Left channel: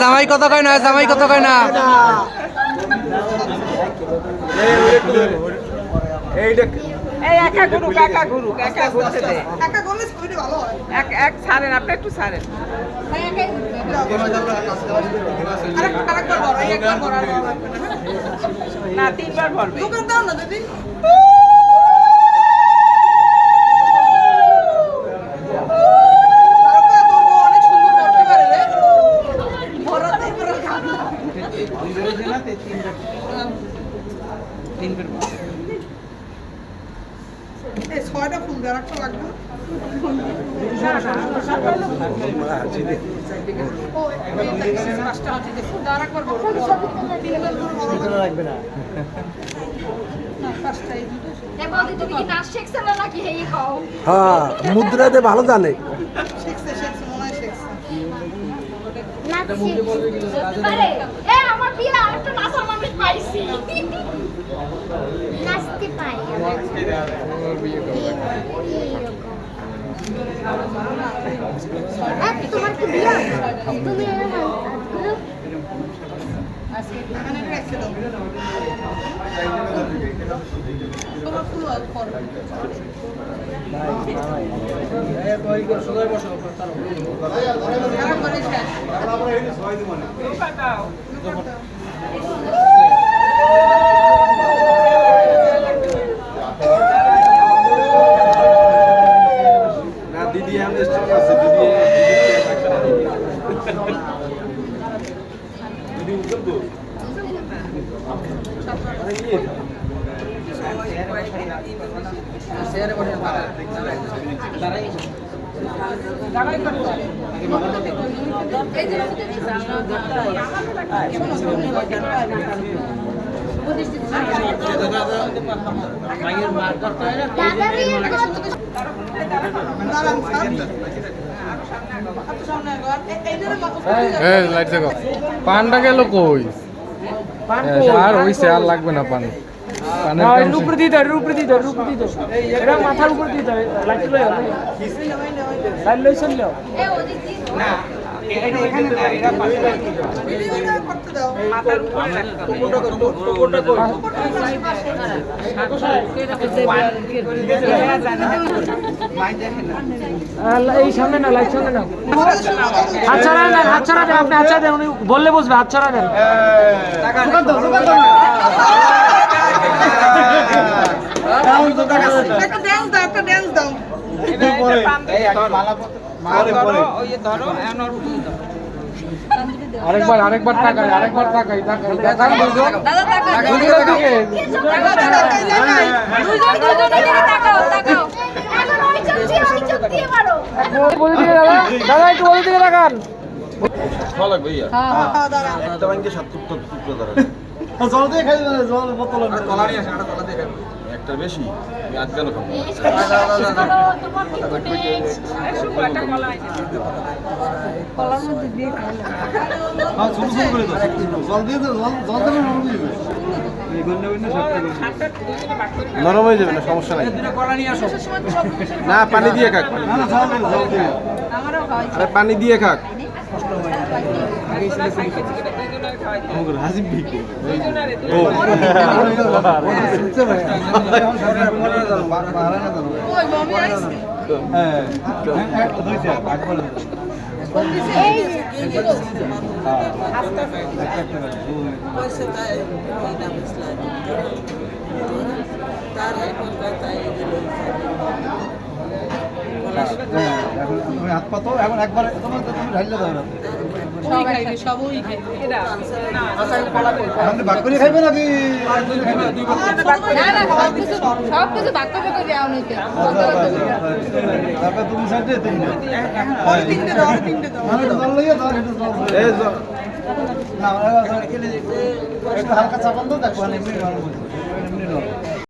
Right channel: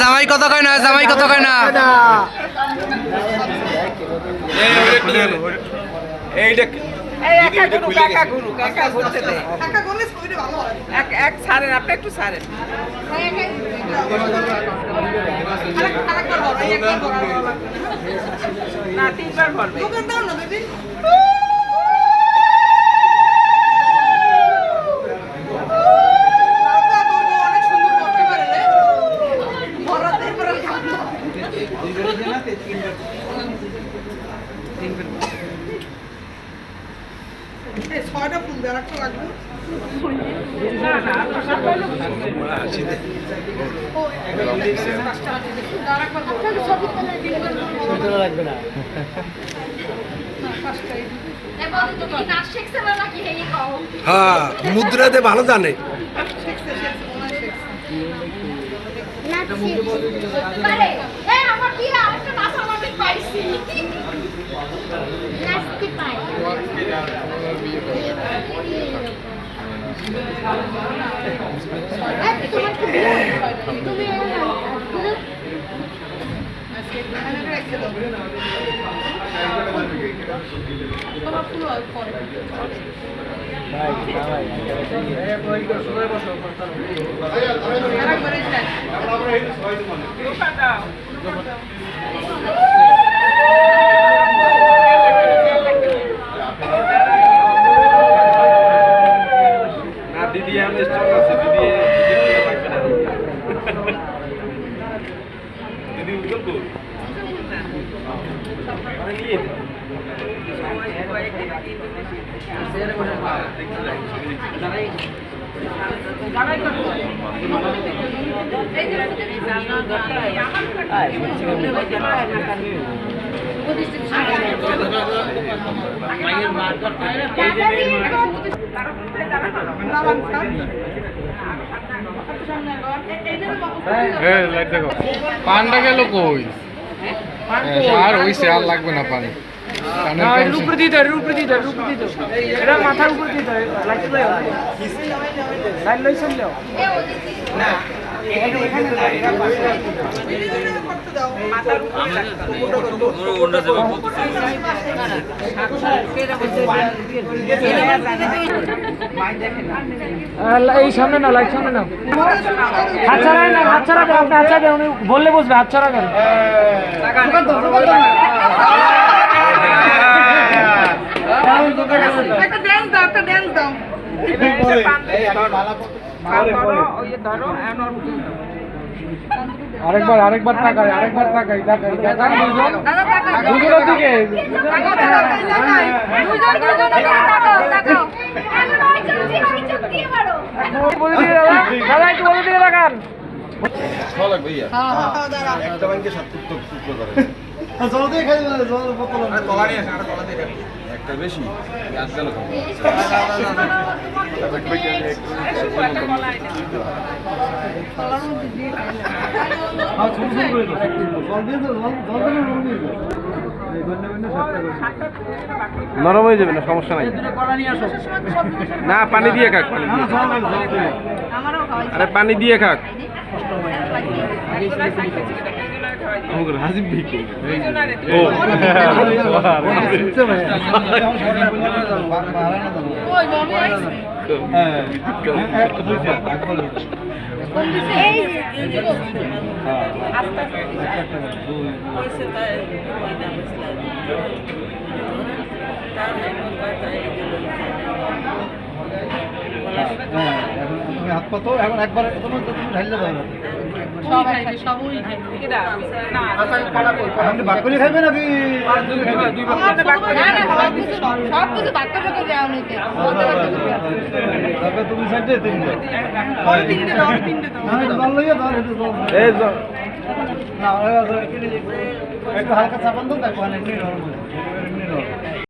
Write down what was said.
জামাই কত কয় না, জামাই কত কয় না। ছয়টা ফুল দেওয়ার একটা লাগবে। লাগবে না। হ্যাঁ, মুদ্রাতে ভালো জানে। দিদি আমি আছে দিদি দিদি বলবো পানটা গেল কই? আর হইছে, আর লাগবে না পান। উপরে দিয়ে দেয়, উপরে দিয়ে দেয়, উপরে দিয়ে দেয়। এটা মাথার উপরে দিয়ে দেয়। লাগতে লাইন লই চললো না, এটা এখানে না, এটা পাশে করতে দাও। এই সামনে না, লাইট সামনে না। হাত ছাড়া না, হাত ছাড়া দেন, আপনি হাত ছাড়া দেন, উনি বললে বসবে, হাত ছাড়া দেন। একটা ড্যান্স দাও, একটা ড্যান্স দাও। আরেকবার আরেকবার তাকাই, আরেকবার তাকাই, তাকাই তাকাই দুজনের দিকে। একটা ব্যাংকে 7 টুকরো করে জল দিয়ে খাই, জল বোতল কলা নিয়ে আসেন, কলা দিয়ে খাবেন। একটা বেশি আমি আজ গেল খাবো। ছোট ছোট করে দাও, জল দিয়ে দাও, জল দেবে নরম হয়ে যাবে। নরম হয়ে যাবে না, সমস্যা নাই। না পানি দিয়ে খাক, পানি দিয়ে। জল দিয়ে আরে পানি দিয়ে খাক। আমাকে রাজীব ভাই ও হাত পাতো এখন একবার তোমার তো তুমি ঢাইলে দাও না আপনি ভাগ করে খাইবে নাকি তারপরে তুমি সাইডে তিনটে তিনটে দাও তিনটে দাও জল লইয়া দাও একটু জল এই না একটু হালকা চাপান দাও দেখো অনেক